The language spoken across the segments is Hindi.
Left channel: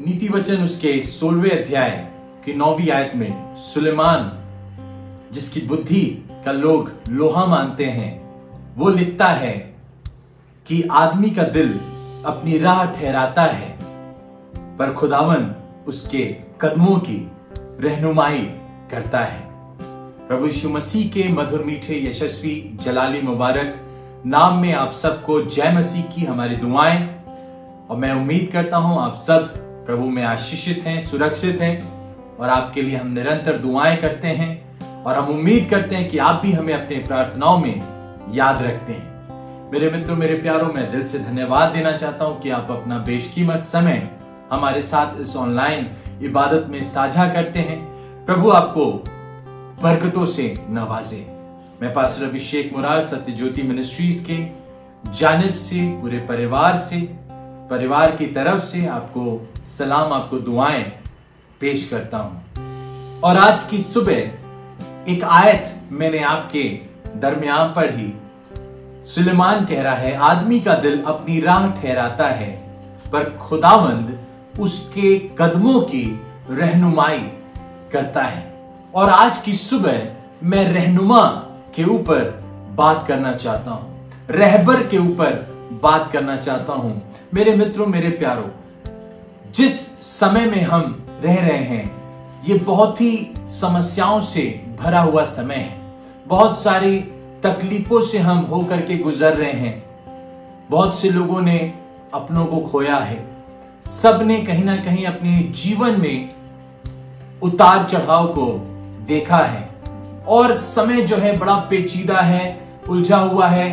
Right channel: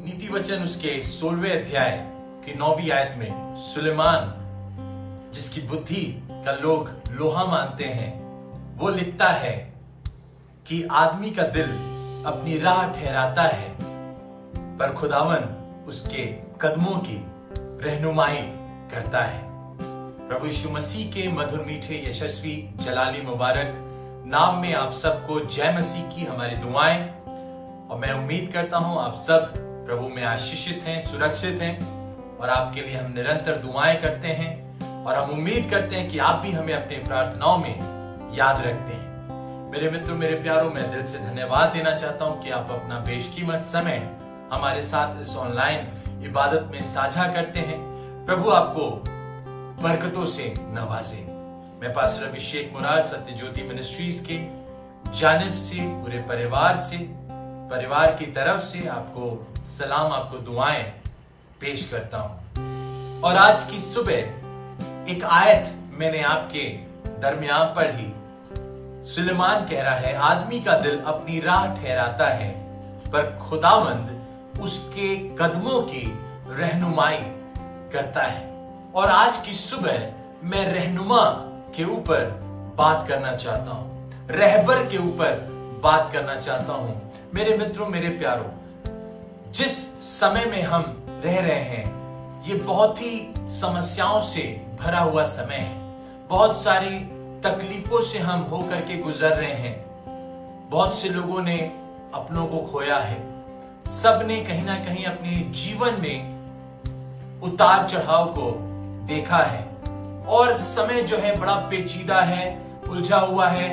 नीति वचन उसके 16वें अध्याय की 9वीं आयत में सुलेमान, जिसकी बुद्धि का लोग लोहा मानते हैं, वो लिखता है कि आदमी का दिल अपनी राह ठहराता है, पर खुदावन उसके कदमों की रहनुमाई करता है। प्रभु यीशु मसीह के मधुर मीठे यशस्वी जलाली मुबारक नाम में आप सबको जय मसीह की हमारी दुआएं। और मैं उम्मीद करता हूं आप सब प्रभु में आशीषित हैं, सुरक्षित हैं, और आपके लिए हम निरंतर दुआएं करते हैं और हम उम्मीद करते हैं कि आप भी हमें अपने प्रार्थनाओं में याद रखते हैं। मेरे मित्रों, मेरे प्यारों, मैं दिल से धन्यवाद देना चाहता हूं कि आप अपना बेशकीमत समय हमारे साथ इस ऑनलाइन इबादत में साझा करते हैं। प्रभु आपको बरकतों से नवाजे। मैं पास्टर अभिषेक मुरार सत्य ज्योति मिनिस्ट्रीज के जानिब से, पूरे परिवार की तरफ से आपको सलाम, आपको दुआएं पेश करता हूं। और आज की सुबह एक आयत मैंने आपके दरमियान पर ही, सुलेमान कह रहा है, आदमी का दिल अपनी राह ठहराता है, पर खुदावंद उसके कदमों की रहनुमाई करता है। और आज की सुबह मैं रहनुमा के ऊपर बात करना चाहता हूं, रहबर के ऊपर बात करना चाहता हूं। मेरे मित्रों, मेरे प्यारों, जिस समय में हम रह रहे हैं, ये बहुत ही समस्याओं से भरा हुआ समय है। बहुत सारी तकलीफों से हम होकर के गुजर रहे हैं। बहुत से लोगों ने अपनों को खोया है। सबने कहीं ना कहीं अपने जीवन में उतार चढ़ाव को देखा है, और समय जो है बड़ा पेचीदा है, उलझा हुआ है।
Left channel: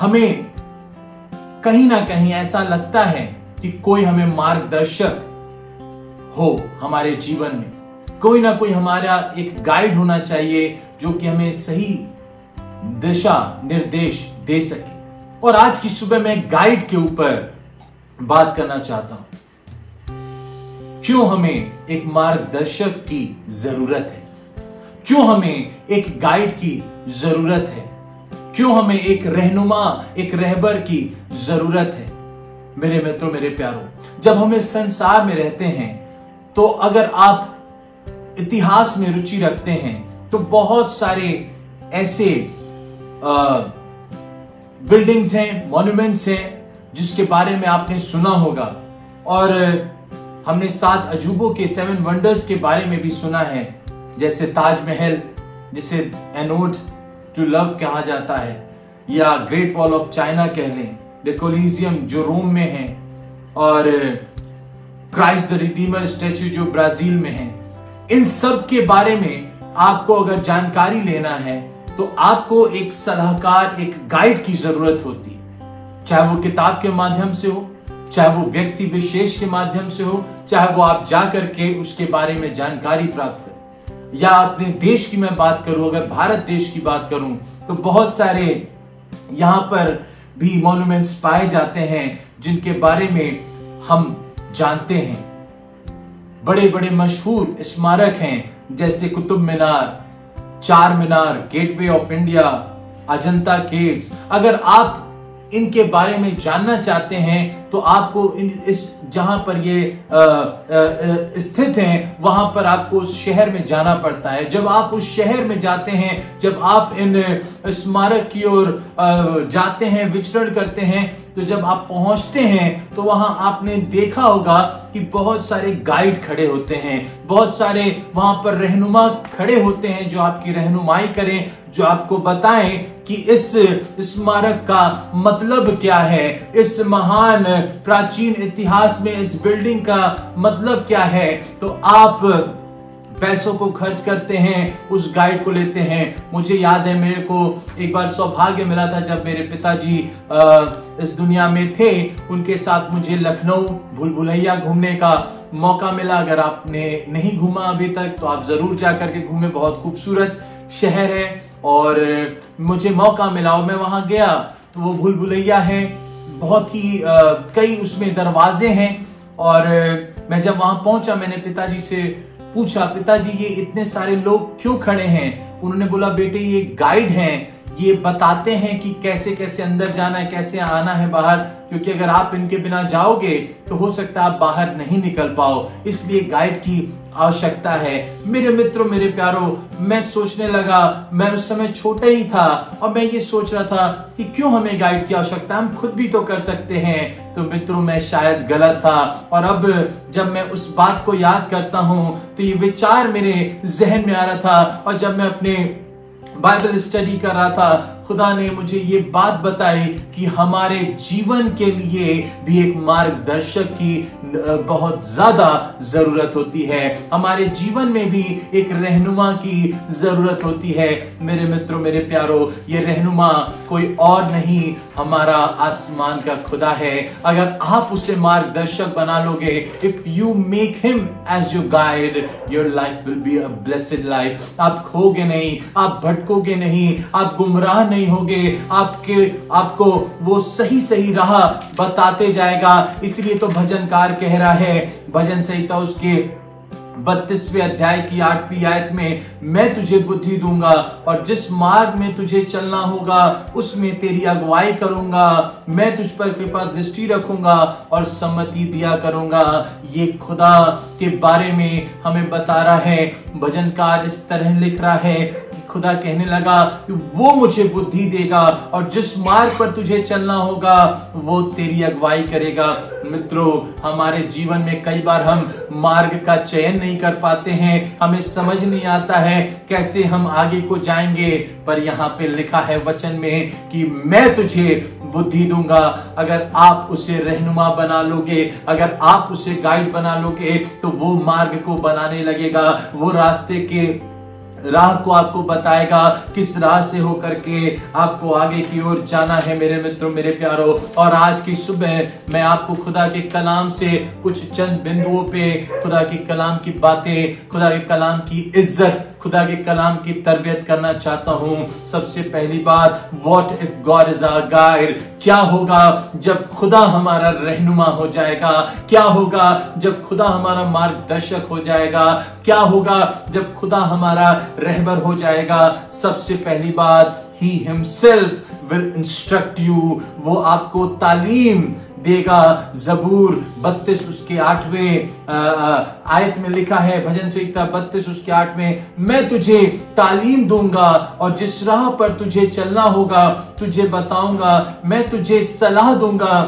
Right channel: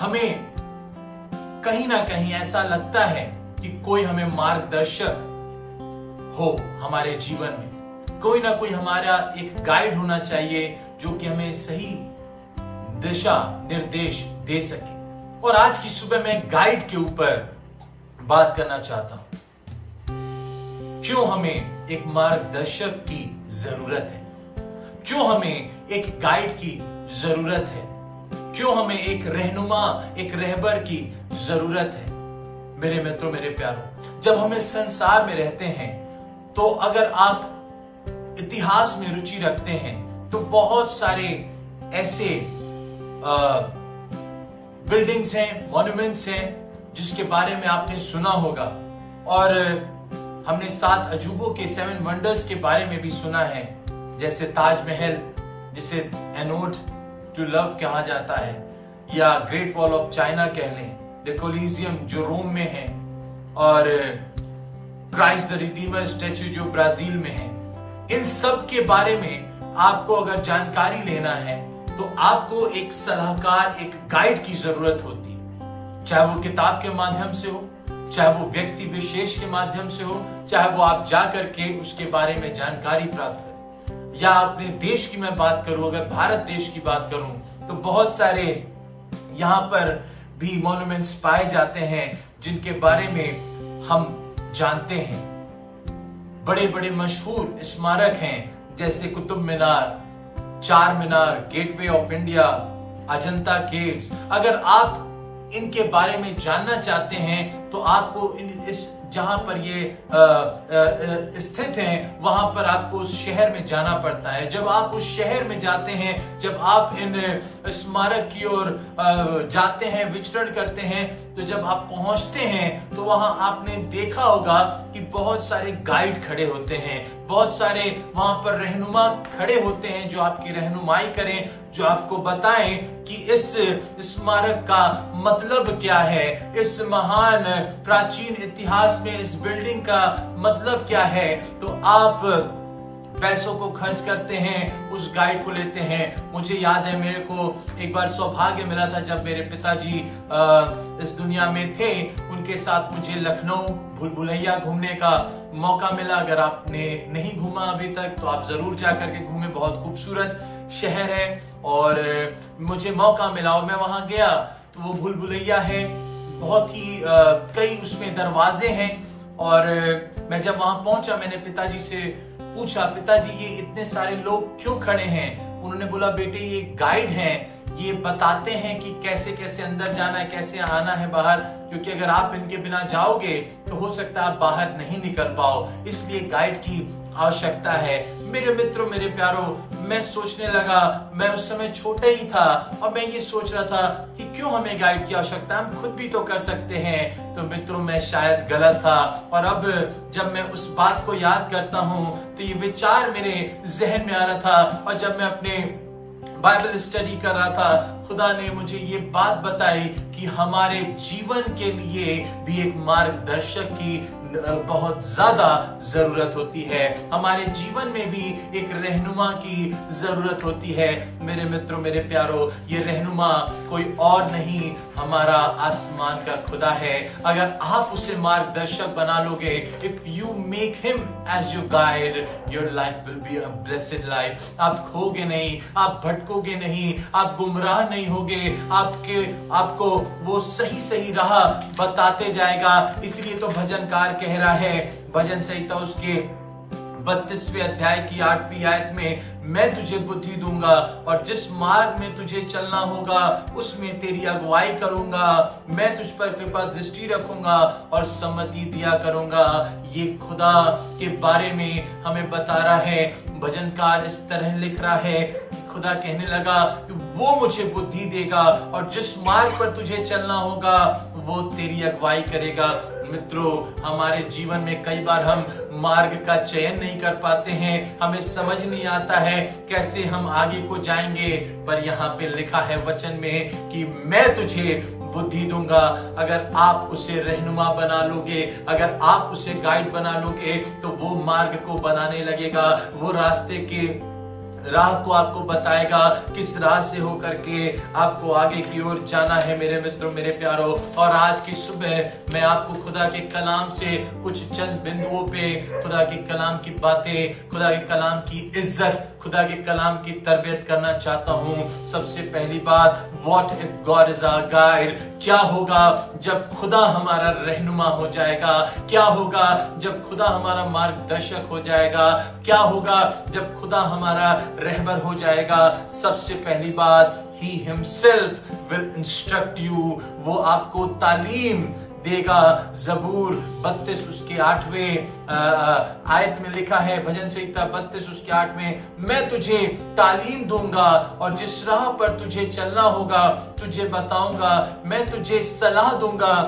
हमें कहीं ना कहीं ऐसा लगता है कि कोई हमें मार्गदर्शक हो हमारे जीवन में, कोई ना कोई हमारा एक गाइड होना चाहिए जो कि हमें सही दिशा निर्देश दे सके। और आज की सुबह मैं गाइड के ऊपर बात करना चाहता हूं। क्यों हमें एक मार्गदर्शक की जरूरत है? क्यों हमें एक गाइड की जरूरत है? क्यों हमें एक रहनुमा, एक रहबर की जरूरत है? मेरे मित्रों, मेरे प्यारों, जब हम इस संसार में रहते हैं, तो अगर आप इतिहास में रुचि रखते हैं, तो बहुत सारे ऐसे बिल्डिंग्स हैं, मॉन्यूमेंट्स हैं, जिसके बारे में आपने सुना होगा। और हमने 7 अजूबों के 7 वंडर्स के बारे में भी सुना है, जैसे ताजमहल, जिसे एनोड टू लव कहा जाता है, या ग्रेट वॉल ऑफ चाइना कह लें, द कोलिजियम जो रोम में है, और क्राइस्ट द रिडीमर स्टैच्यू जो ब्राजील में है। इन सब के बारे में आपको अगर जानकारी लेना है, तो आपको एक सलाहकार, एक गाइड की जरूरत होती है। चाहे वो किताब के माध्यम से हो, चाहे वो व्यक्ति विशेष के माध्यम से हो, चाहे वो आप जाकर के उसके बारे में जानकारी प्राप्त करें। या अपने देश की मैं बात करूं, अगर भारत देश की बात करूं, तो बहुत सारे यहां पर भी मॉन्यूमेंट्स पाए जाते हैं जिनके बारे में हम जानते हैं। बड़े बड़े मशहूर स्मारक हैं, जैसे Qutub Minar, Char Minar, gateway of India, Ajanta caves. अगर आप इनके बारे में जानना चाहते हैं, तो आपको इस जहां पर ये स्थित हैं, वहां पर आपको उस शहर में जाना पड़ता है। जब आप उस शहर में जाते हैं, जब आप इन स्मारक की ओर जाते हैं, विचरण करते हैं, तो जब आप पहुंचते हैं, तो वहां आपने देखा होगा कि बहुत सारे गाइड खड़े होते हैं, बहुत सारे वहां पर रहनुमा खड़े होते हैं, जो आपकी रहनुमाई करें, जो आपको बताएं कि इस स्मारक का मतलब क्या है, इस महान प्राचीन इतिहास में इस बिल्डिंग का मतलब क्या है। तो आप पैसों को खर्च करते हैं, उस गाइड को लेते हैं। मुझे याद है, मेरे को एक बार सौभाग्य मिला था, जब मेरे पिताजी इस दुनिया में थे, उनके साथ मुझे लखनऊ भूल भुलैया घूमने का मौका मिला। अगर आपने नहीं घूमा अभी तक, तो आप जरूर जाकर के घूमें। बहुत खूबसूरत शहर है, और मुझे मौका मिला और मैं वहां गया। तो वो भूल भुलैया है, बहुत ही कई उसमें दरवाजे हैं। और मैं जब वहां पहुंचा, मैंने पिताजी से पूछा, पिताजी ये इतने सारे लोग क्यों खड़े हैं? उन्होंने बोला, बेटे ये गाइड हैं, ये बताते हैं कि कैसे कैसे अंदर जाना है, कैसे आना है बाहर, क्योंकि अगर आप इनके बिना जाओगे तो हो सकता है आप बाहर नहीं निकल पाओ। इसलिए गाइड की आवश्यकता है। मेरे मित्रों, मेरे प्यारो, मैं सोचने लगा, मैं उस समय छोटा ही था और मैं ये सोच रहा था कि क्यों हमें गाइड की आवश्यकता, हम खुद भी तो कर सकते हैं। तो मित्रों, मैं शायद गलत था। और अब जब मैं उस बात को याद करता हूं तो ये विचार मेरे जहन में आ रहा था। और जब मैं अपने बाइबल स्टडी कर रहा था, खुदा ने मुझे ये बात बताई कि हमारे जीवन के लिए भी एक मार्गदर्शक की बहुत ज्यादा जरूरत होती है। हमारे जीवन में भी एक रहनुमा की जरूरत होती है। मेरे मित्रों, मेरे प्यारो, ये रहनुमा कोई और नहीं, हमारा आसमान का खुदा है। अगर आप उसे मार्गदर्शक बना लोगे, if you make him as your guide, your life will be a blessed life. आप खोगे नहीं, आप भटकोगे नहीं, आप गुमराह नहीं होगे, आपको वो सही सही राह बताते जाएगा। इसलिए तो भजनकार कह रहा है, भजन संहिता उसके 32वें अध्याय की 8वीं आयत में, मैं तुझे बुद्धि दूंगा और जिस मार्ग में तुझे चलना होगा उसमें तेरी अगुवाई करूंगा। मैं तुझ पर कृपा दृष्टि रखूंगा और सम्मति दिया करूंगा। ये खुदा के बारे में हमें बता रहा है। भजनकार इस तरह लिख रहा है, खुदा कहने लगा कि वो मुझे बुद्धि देगा और जिस मार्ग पर तुझे चलना होगा वो तेरी अगुवाई करेगा। मित्रों, हमारे जीवन में कई बार हम मार्ग का चयन नहीं कर पाते हैं, हमें समझ नहीं आता है कैसे हम आगे को जाएंगे। पर यहाँ पे लिखा है वचन में कि मैं तुझे बुद्धि दूंगा। अगर आप उसे रहनुमा बना लोगे, अगर आप उसे गाइड बना लोगे, तो वो मार्ग को बनाने लगेगा, वो रास्ते के राह को आपको बताएगा, किस राह से होकर के आपको आगे की ओर जाना है। मेरे मित्रों, मेरे प्यारो, और आज की सुबह मैं आपको खुदा के कलाम से कुछ चंद बिंदुओं पे खुदा के कलाम की बातें, खुदा के कलाम की इज्जत, खुदा के कलाम की तरबियत करना चाहता हूं। सबसे पहली बात, what if God is our guide? क्या होगा जब खुदा हमारा रहनुमा हो जाएगा? क्या होगा जब खुदा हमारा मार्गदर्शक हो जाएगा? क्या होगा जब खुदा हमारा रहबर हो जाएगा? सबसे पहली बात, He himself will instruct you, वो आपको तालीम देगा। जबूर 32 उसके 8वें आयत में लिखा है, भजन संहिता 32 उसके 8 में, मैं तुझे तालीम दूंगा और जिस राह पर तुझे चलना होगा तुझे बताऊंगा, मैं तुझे सलाह दूंगा,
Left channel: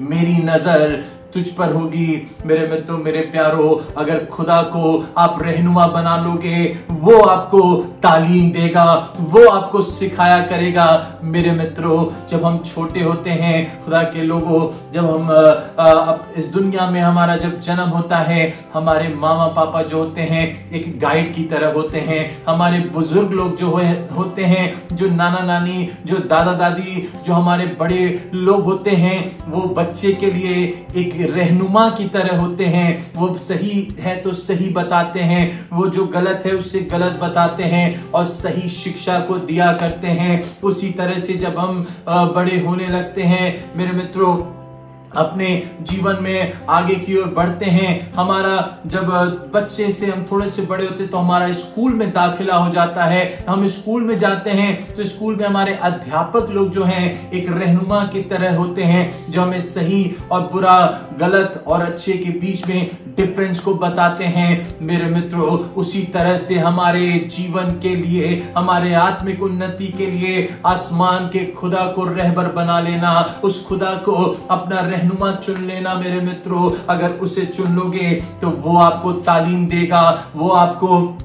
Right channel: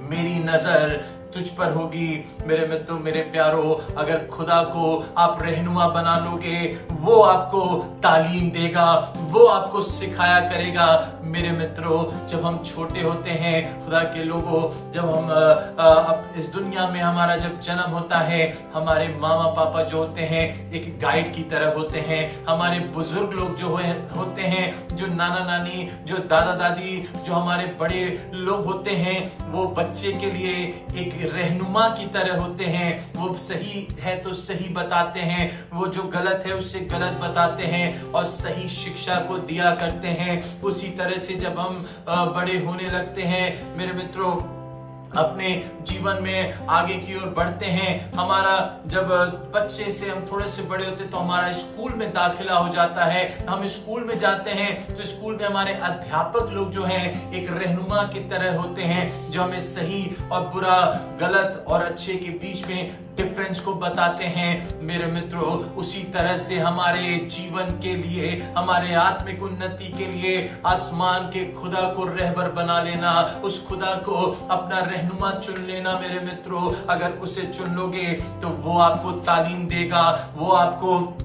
मेरी नजर तुझ पर होगी। मेरे मित्रों, मेरे प्यारो, अगर खुदा को आप रहनुमा बना लोगे, वो आपको तालीम देगा, वो आपको सिखाया करेगा। मेरे मित्रों, जब हम छोटे होते हैं, खुदा के लोगों, जब हम इस दुनिया में हमारा जब जन्म होता है, हमारे मामा पापा जो होते हैं एक गाइड की तरह होते हैं। हमारे बुजुर्ग लोग जो होते हैं, जो नाना नानी, जो दादा दादी, जो हमारे बड़े लोग होते हैं, वो बच्चे के लिए एक रहनुमा की तरह होते हैं। वो सही है तो सही बताते हैं, वो जो गलत है उससे गलत बताते हैं और सही शिक्षा को दिया करते हैं। उसी तरह से जब हम बड़े होने लगते हैं, मेरे मित्रों, अपने जीवन में आगे की ओर बढ़ते हैं, हमारा जब बच्चे से हम थोड़े से बड़े होते तो हमारा स्कूल में दाखिला हो जाता है। हम स्कूल में जाते हैं तो स्कूल में हमारे अध्यापक लोग जो हैं एक रहनुमा की तरह होते हैं, जो हमें सही और बुरा, गलत और अच्छे के बीच में डिफरेंस को बताते हैं। मेरे मित्रों, उसी तरह से हमारे जीवन के लिए, हमारे आत्मिक उन्नति के लिए आसमान के खुदा को रहबर बना लेना, उस खुदा को अपना रहनुमा चुन लेना। मेरे मित्रों, अगर उसे चुन लोगे तो वो आपको तालीम देगा, वो आपको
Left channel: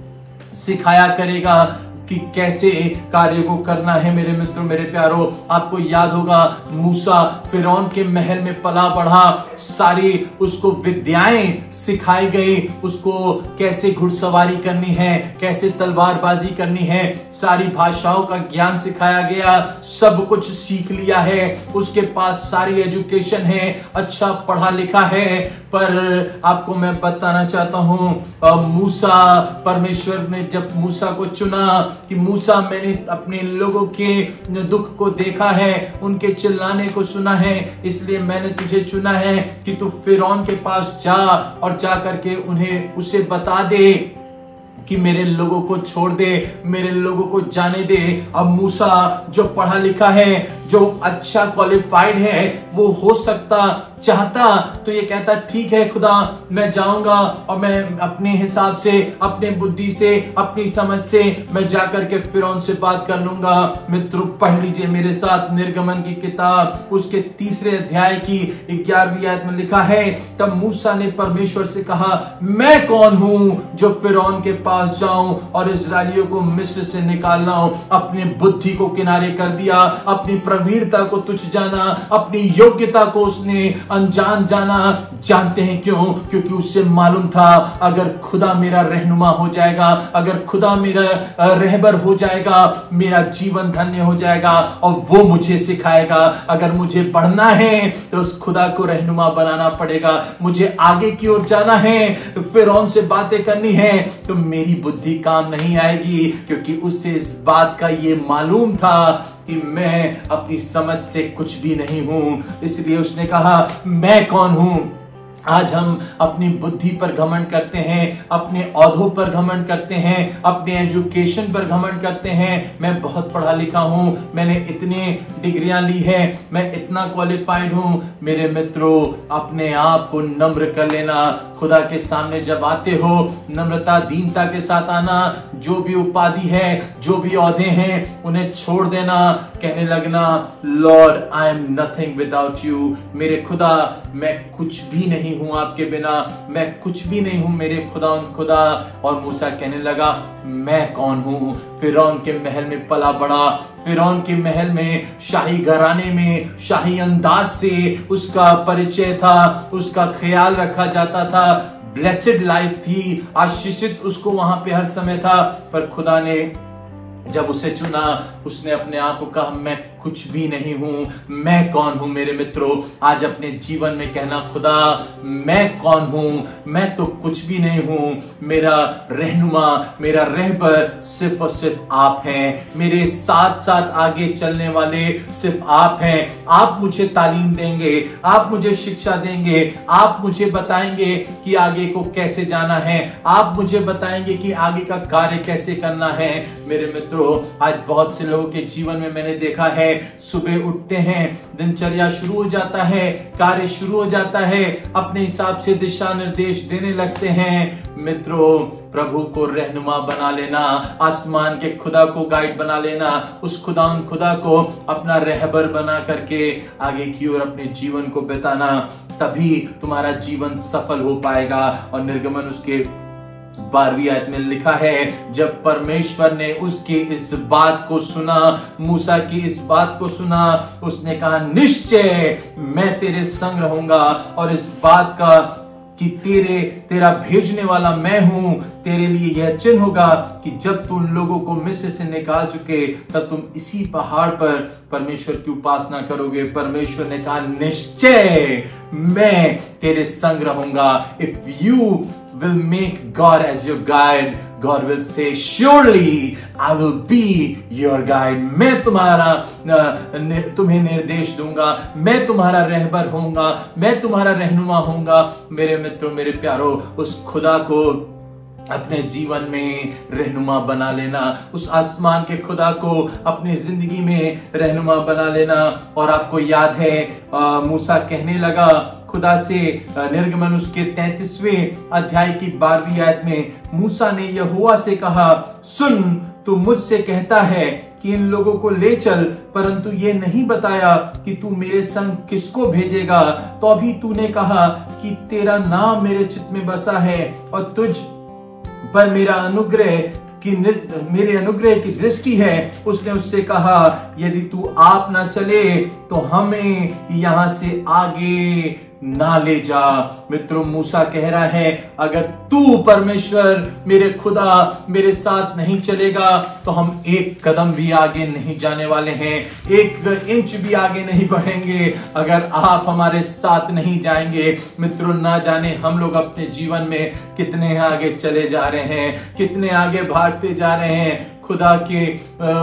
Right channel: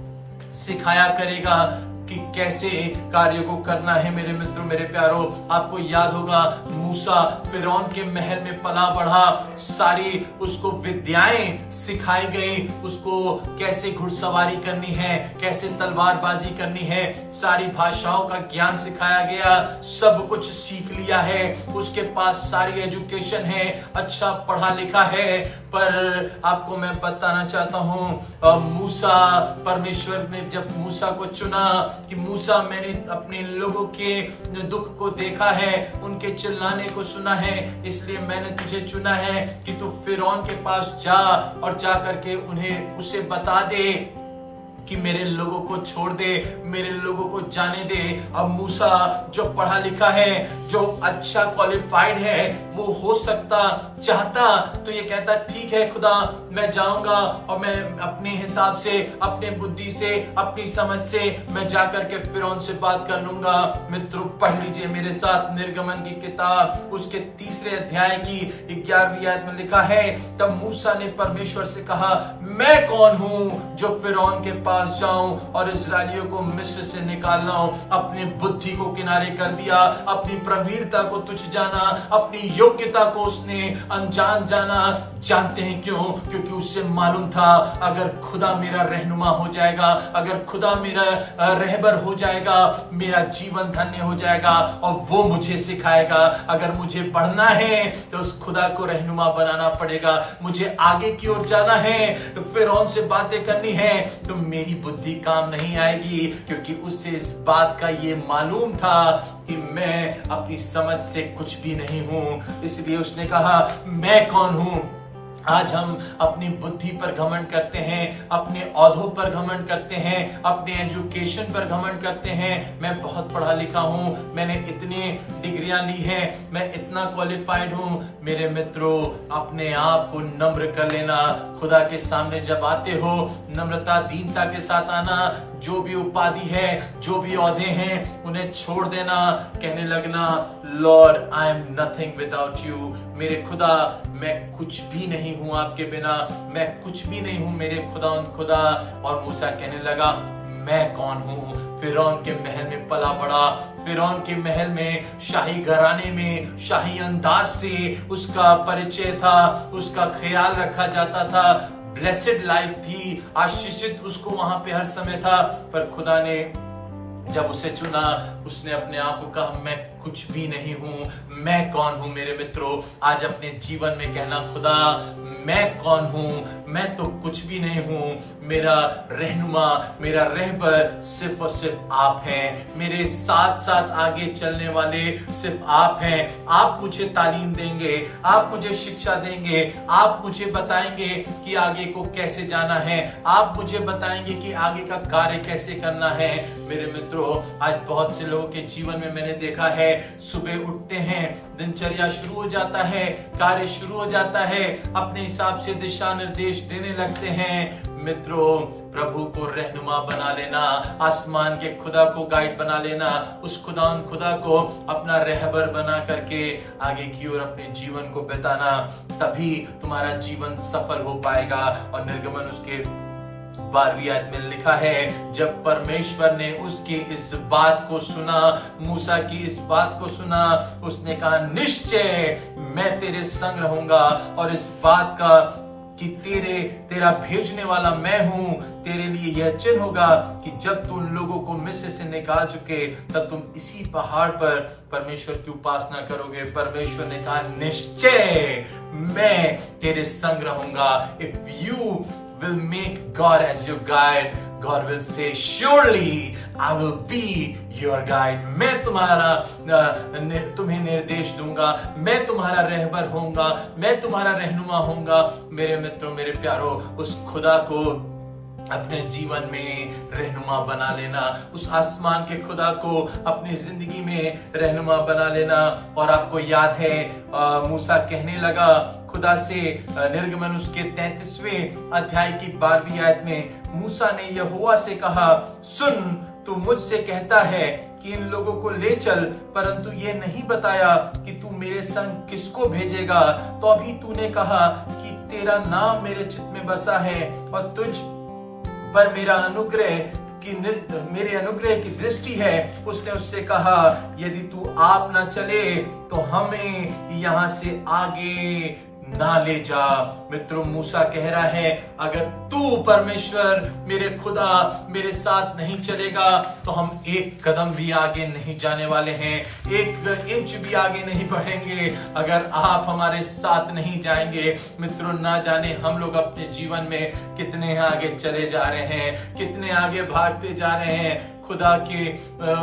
सिखाया करेगा कि कैसे कार्य को करना है। मेरे मित्रों, मेरे प्यारो, आपको याद होगा मूसा फिरौन के महल में पला बढ़ा, सारी उसको विद्याएं सिखाई गई, उसको कैसे घुड़सवारी करनी है, कैसे तलवारबाजी करनी है, सारी भाषाओं का ज्ञान सिखाया गया, सब कुछ सीख लिया है, उसके पास सारी एजुकेशन है, अच्छा पढ़ा लिखा है। पर आपको मैं बताना चाहता हूं, मूसा, परमेश्वर ने जब मूसा को चुना कि मूसा, मैंने अपने लोगों के दुख को देखा है, उनके चिल्लाने को सुना है, इसलिए मैंने तुझे चुना है कि तू फिरौन के पास जा और जा करके उसे बता दे कि मेरे लोगों को छोड़ दे, मेरे लोगों को जाने दे। अब मूसा जो पढ़ा लिखा है, जो अच्छा क्वालिफाइड है, वो हो सकता चाहता तो ये कहता ठीक है खुदा, मैं जाऊंगा और मैं अपने हिसाब से, अपने बुद्धि से, अपनी समझ से मैं जाकर के फिरौन से बात कर लूंगा। मित्रों, पढ़ लीजिए मेरे साथ निर्गमन की किताब, उसके 3 अध्याय की 11वीं आयत में लिखा है, तब मूसा ने परमेश्वर से कहा, मैं कौन हूं जो फिरौन के पास जाऊं और इस्राएलियों को मिस्र से निकाल लाऊं। अपनी बुद्धि को किनारे कर दिया, अपनी प्रवीणता को तुच्छ जाना, अपनी योग्यता को उसने अनजान जाना। जानते हैं क्यों? क्योंकि उससे मालूम था अगर खुदा मेरा रहनुमा हो जाएगा, अगर खुदा मेरा रहबर हो जाएगा, मेरा जीवन धन्य हो जाएगा और वो मुझे सिखाएगा। अगर मुझे बढ़ना है तो उस खुदा को रहनुमा बनाना पड़ेगा। मुझे आगे की ओर जाना है, तो फिरौन से बातें करनी है, तो मेरी बुद्धि काम नहीं आएगी, क्योंकि उससे इस बात का ये मालूम था कि मैं अपनी समझ से कुछ भी नहीं हूं। इसलिए उसने कहा, मैं कौन हूं। आज हम अपनी बुद्धि पर घमंड करते हैं, अपने औहदों पर घमंड करते हैं, अपने एजुकेशन पर घमंड करते हैं। मैं बहुत पढ़ा लिखा हूं, मैंने इतने डिग्रियां ली हैं, मैं इतना क्वालिफाइड हूं। मेरे मित्रों, अपने आप को नम्र कर लेना। खुदा के सामने जब आते हो, नम्रता दीनता के साथ आना। जो भी उपाधि है, जो भी औहदे हैं, उन्हें छोड़ देना। कहने लगना, Lord I am nothing without you. मेरे खुदा, मैं कुछ भी नहीं हूं आपके बिना, मैं कुछ भी नहीं हूं मेरे खुदा। और मूसा कहने लगा, मैं कौन हूं। फिरौन के महल में पला बड़ा, फिरौन के महल में, शाही घराने में, शाही अंदाज से उसका परिचय था, उसका ख्याल रखा जाता था। ब्लेसेड लाइफ थी, आशीषित उसको वहां पे हर समय था। पर खुदा ने जब उसे चुना, उसने अपने आप को कहा, मैं कुछ भी नहीं हूं। मैं कौन हूं? मेरे मित्रों, आज अपने जीवन में कहना, खुदा मैं कौन हूं? मैं तो कुछ भी नहीं हूं। मेरा रहनुमा, मेरा रहबर सिर्फ और सिर्फ आप हैं। मेरे साथ साथ आगे चलने वाले सिर्फ आप हैं। आप मुझे तालीम देंगे, आप मुझे शिक्षा देंगे, आप मुझे बताएंगे कि आगे को कैसे जाना है, आप मुझे बताएंगे कि आगे का कार्य कैसे करना है। मेरे मित्रों, आज बहुत से लोगों के जीवन में मैंने देखा है, सुबह उठते हैं, दिनचर्या शुरू हो जाता है, कार्य शुरू हो जाता है, अपने हिसाब से दिशा निर्देश देने लगते हैं। मित्रों, प्रभु को रहनुमा बना लेना, आसमान के खुदा को गाइड बना लेना, उस खुदा को अपना रहबर बना करके आगे की ओर अपने जीवन को बिताना, तभी तुम्हारा जीवन सफल हो पाएगा। और निर्गमन उसके 12वीं आयत में लिखा है, जब परमेश्वर ने उसकी इस बात को सुना, मूसा की इस बात को सुना, उसने कहा, निश्चय मैं तेरे संग रहूंगा और इस बात का कि तेरा भेजने वाला मैं हूं, तेरे लिए यह चिन्ह होगा कि जब तुम लोगों को मिस्र से निकाल चुके, तब तुम इसी पहाड़ पर परमेश्वर की उपासना करोगे। परमेश्वर ने कहा, निश्चय मैं तेरे संग रहूंगा। If you will make God as your guide, God will say, surely I will be your guide. मैं तुम्हें निर्देश दूंगा, मैं तुम्हारा रहबर होऊंगा, मैं तुम्हारा रहनुमा होऊंगा। मेरे मित्रों, मेरे प्यारों, उस खुदा को अपने जीवन में रहनुमा बना लेना, उस आसमान के खुदा को अपनी जिंदगी में रहनुमा बना लेना। और आपको याद है, मूसा कहने लगा खुदा से, निर्गमन उसके 33वें अध्याय की 12वीं आयत में मूसा ने यहोवा से कहा, सुन, तू मुझसे कहता है कि इन लोगों को ले चल, परंतु ये नहीं बताया कि तू मेरे संग किसको भेजेगा। तो अभी तूने कहा कि तेरा नाम मेरे चित्त में बसा है और तुझ पर मेरे अनुग्रह की दृष्टि है। उसने उससे कहा, यदि तू आप ना चले तो हमें यहाँ से आगे ना ले जा। मित्रों, मूसा कह रहा है, अगर तू परमेश्वर मेरे खुदा मेरे साथ नहीं चलेगा तो हम एक कदम भी आगे नहीं जाने वाले हैं, एक इंच भी आगे नहीं बढ़ेंगे अगर आप हमारे साथ नहीं जाएंगे। मित्रों, ना जाने हम लोग अपने जीवन में कितने आगे चले जा रहे हैं, कितने आगे भागते जा रहे हैं। खुदा के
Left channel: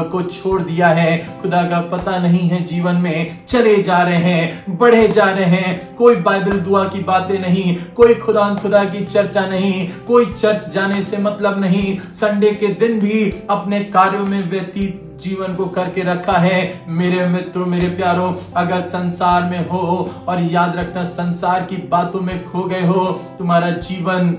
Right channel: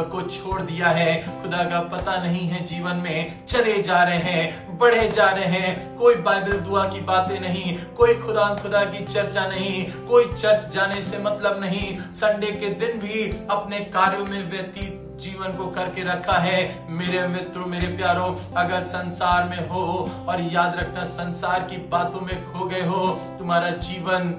को छोड़ दिया है, खुदा का पता नहीं है, जीवन में चले जा रहे हैं, बढ़े जा रहे हैं, कोई बाइबल दुआ की बातें नहीं, कोई खुदा की चर्चा नहीं, कोई चर्च जाने से मतलब नहीं, संडे के दिन भी अपने कार्यों में व्यतीत जीवन को करके रखा है। मेरे मित्रों, मेरे प्यारों, अगर संसार में हो और याद रखना संसार की बातों में खो गए हो, तुम्हारा जीवन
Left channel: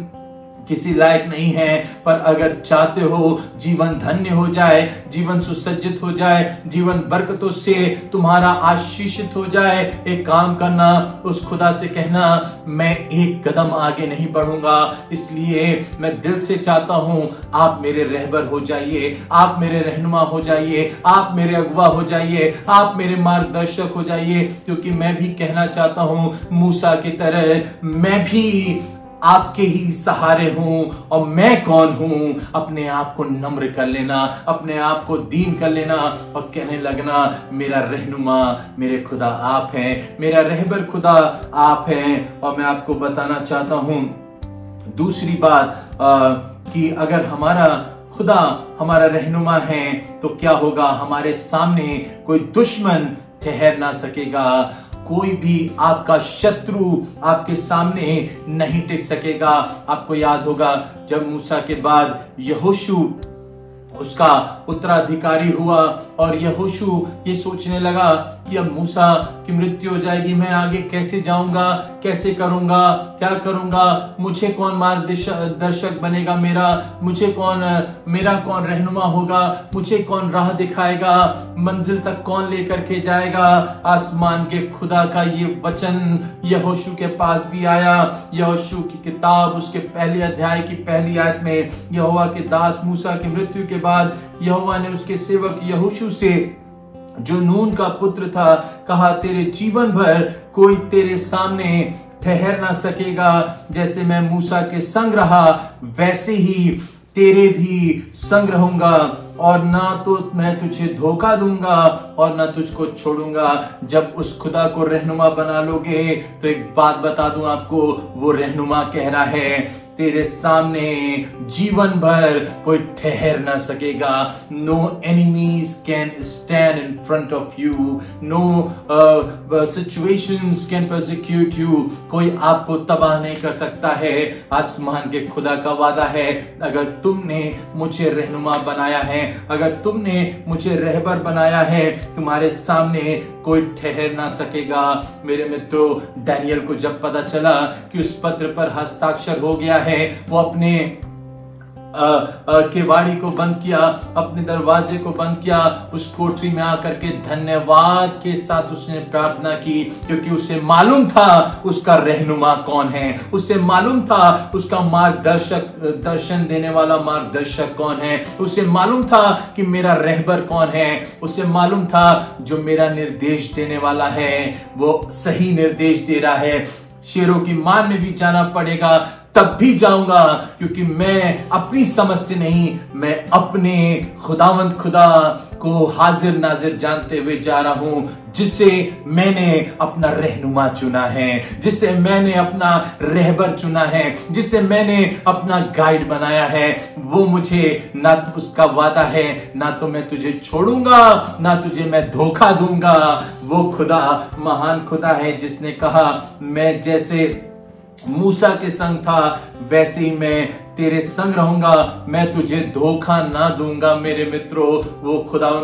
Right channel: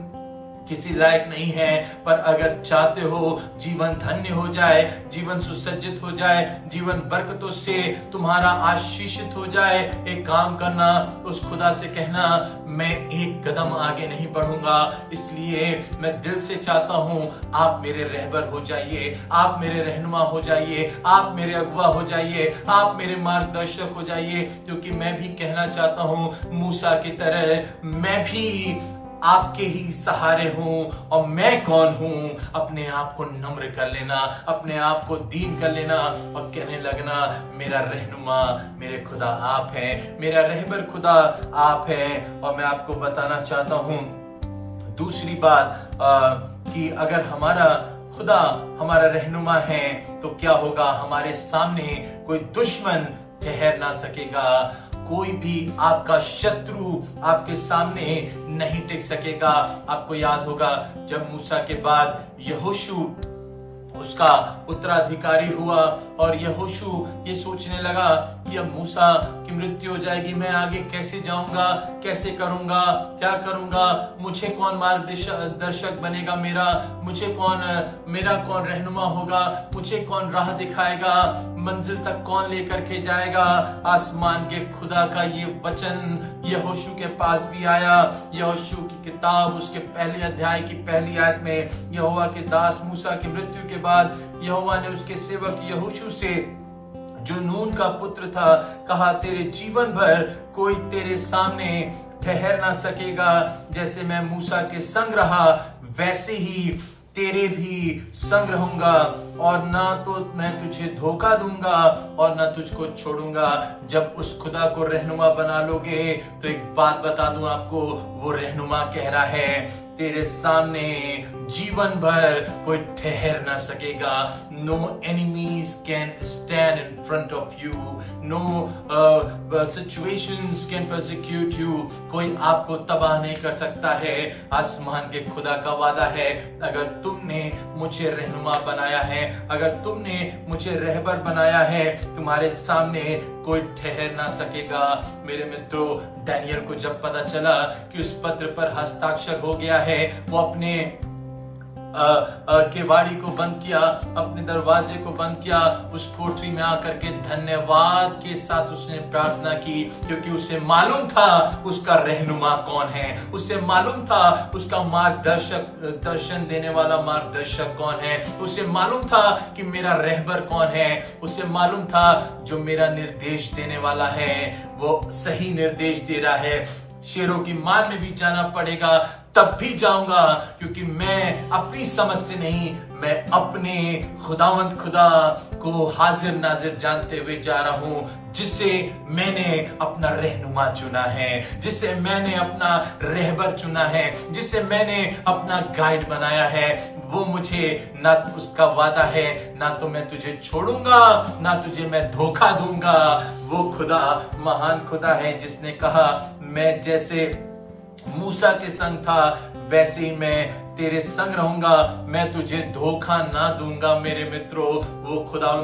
किसी लायक नहीं है। पर अगर चाहते हो जीवन धन्य हो जाए, जीवन सुसज्जित हो जाए, जीवन बरकतों से तुम्हारा आशीषित हो जाए, एक काम करना, उस खुदा से कहना, मैं एक कदम आगे नहीं बढ़ूंगा, इसलिए मैं दिल से चाहता हूं आप मेरे रहबर हो जाइए, आप मेरे रहनुमा हो जाइए, आप मेरे अगुवा हो जाइए, आप मेरे मार्गदर्शक हो जाइए। क्योंकि मैं भी कहना चाहता हूं मूसा की तरह, मैं भी आपके ही सहारे हूं। और मैं कौन हूं? अपने आप को नम्र कर लेना, अपने आप को दीन कर लेना और कहने लगना, मेरा रहनुमा, मेरे खुदा आप हैं, मेरा रहबर खुदा आप हैं। और मैं आपको बताना चाहता हूं दूसरी बात, कि अगर हमारा खुदा हमारा रहनुमा है तो क्या होगा? हमारे सामने कोई दुश्मन ठहर ना सकेगा, कोई भी आपका शत्रु आपके सामने नहीं टिक सकेगा। आपको याद होगा जब मूसा के बाद यहोशू उसका उत्तराधिकारी हुआ और यहोशू ये सोचने लगा कि अब मूसा की मृत्यु हो जाएगी, मैं आगे कैसे जाऊंगा, कैसे करूंगा, क्या करूंगा, मुझे कौन मार्गदर्शक बनेगा, मेरा कौन रहनुमा होगा, मुझे कौन राह दिखाएगा, मंजिल तक कौन लेकर के जाएगा। आसमान के खुदा का ये वचन यहोशू के पास भी आया। यहोशू की किताब उसके पहले अध्याय की पहली आयत में, यहोवा के दास मूसा की मृत्यु के बाद यहोवा ने उसके सेवक यहोशू से, जो नून का पुत्र था, कहा, तेरे जीवन भर कोई तेरे सामने ठहर ना सकेगा, जैसे मैं मूसा के संग रहा वैसे ही तेरे भी संग रहूंगा, और ना तो मैं तुझे धोखा दूंगा और ना तुझको छोड़ूंगा। जब उस खुदा को रहनुमा बना लोगे तो एक बात बता दूं आपको, वो रहनुमा कह रहा है, तेरे सामने जीवन भर कोई ठहर ना सकेगा। No enemies can stand in front of you, no situations can persecute you. कोई आपको तबाह नहीं कर सकता है। आसमान के खुदा का वादा है, अगर तुमने मुझे रहनुमा बनाया है, अगर तुमने मुझे रहबर बनाया है, तुम्हारे सामने कोई ठहर ना सकेगा। मेरे मित्रों, दानियल को जब पता चला कि उस पत्र पर हस्ताक्षर हो गया है, वो अपने केवाड़ी को बंद किया, अपने दरवाजे को बंद किया, उस कोठरी में आकर के धन्यवाद के साथ उसने प्रार्थना की, क्योंकि उसे मालूम था उसका रहनुमा कौन है, उसे मालूम था उसका दर्शन देने वाला मार्गदर्शक कौन है, उसे मालूम था कि मेरा रहबर कौन है, उसे मालूम था जो मेरा निर्देश देने वाला है वो सही निर्देश दे रहा है। शेरों की मान में भी जाना पड़ेगा तब भी जाऊंगा, क्योंकि मैं अपनी समझ से नहीं, मैं अपने खुदावंद खुदा को हाजिर नाजिर जानते हुए जा रहा हूं, जिसे मैंने अपना रहनुमा चुना है, जिसे मैंने अपना रहबर चुना है, जिसे मैंने अपना गाइड बनाया है। वो मुझे, ना उसका वादा है, ना तो मैं तुझे छोड़ूंगा, ना तुझे मैं धोखा दूंगा। वो खुदा महान खुदा है जिसने कहा, मैं जैसे मूसा के संग था वैसे ही मैं तेरे संग रहूंगा, मैं तुझे धोखा ना दूंगा। मेरे मित्रों, वो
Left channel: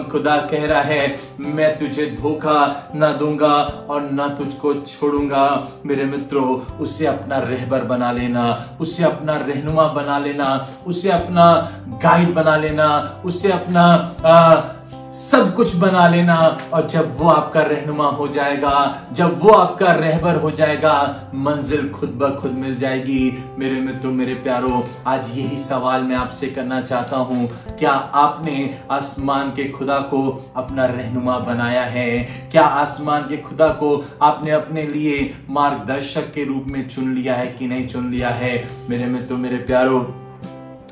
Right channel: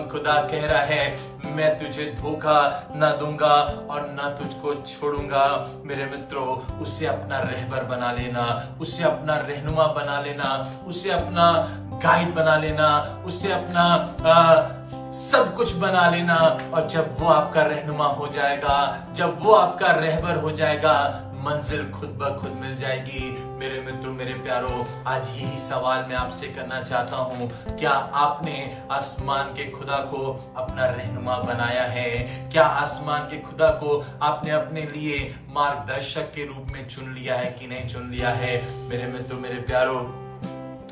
खुदा कह रहा है, मैं तुझे धोखा ना दूंगा और ना तुझको छोड़ूंगा। मेरे मित्रों, उसे अपना रहबर बना लेना, उसे अपना रहनुमा बना लेना, उसे अपना गाइड बना लेना, उसे अपना सब कुछ बना लेना। और जब वो आपका रहनुमा हो जाएगा, जब वो आपका रहबर हो जाएगा, मंजिल खुद ब खुद मिल जाएगी। मेरे मित्रों, मेरे प्यारों, आज यही सवाल मैं आपसे करना चाहता हूं, क्या आपने आसमान के खुदा को अपना रहनुमा बनाया है? क्या आसमान के खुदा को आपने अपने लिए मार्गदर्शक के रूप में चुन लिया है कि नहीं चुन लिया है? मेरे मित्रों, मेरे प्यारों,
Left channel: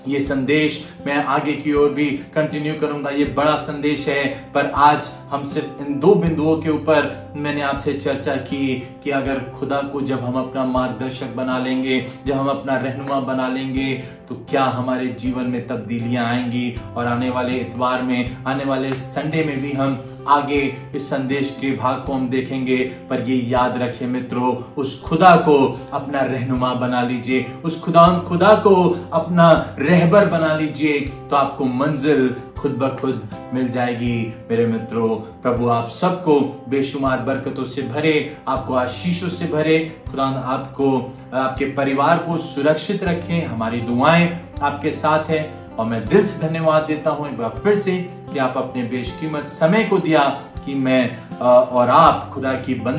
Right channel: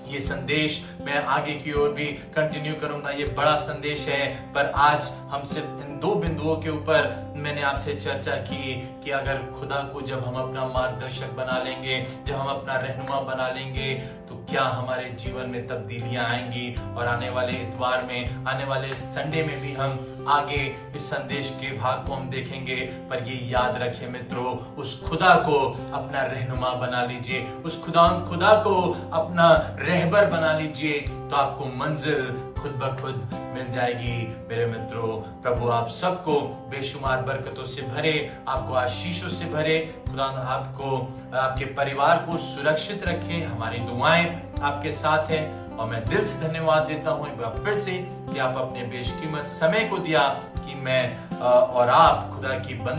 ये संदेश मैं आगे की ओर भी कंटिन्यू करूंगा। ये बड़ा संदेश है, पर आज हम सिर्फ इन 2 बिंदुओं के ऊपर मैंने आपसे चर्चा की कि अगर खुदा को जब हम अपना मार्गदर्शक बना लेंगे, जब हम अपना रहनुमा बना लेंगे, तो क्या हमारे जीवन में तब्दीलियां आएंगी। और आने वाले इतवार में, आने वाले संडे में भी हम आगे इस संदेश के भाग को हम देखेंगे। पर ये याद रखें मित्रों, उस खुदा को अपना रहनुमा बना लीजिए, उस खुदा को अपना रहबर बना लीजिए, तो आपको मंजिल खुद ब खुद मिल जाएगी। मेरे मित्रों, प्रभु आप सबको बेशुमार बरकतों से भरे, आपको आशीषों से भरे। खुदा आपको, आपके परिवार को सुरक्षित रखे। हमारी दुआएं आपके साथ है और मैं दिल से धन्यवाद देता हूं एक बार फिर से कि आप अपने बेशकीमत समय को दिया कि मैं और आप खुदा की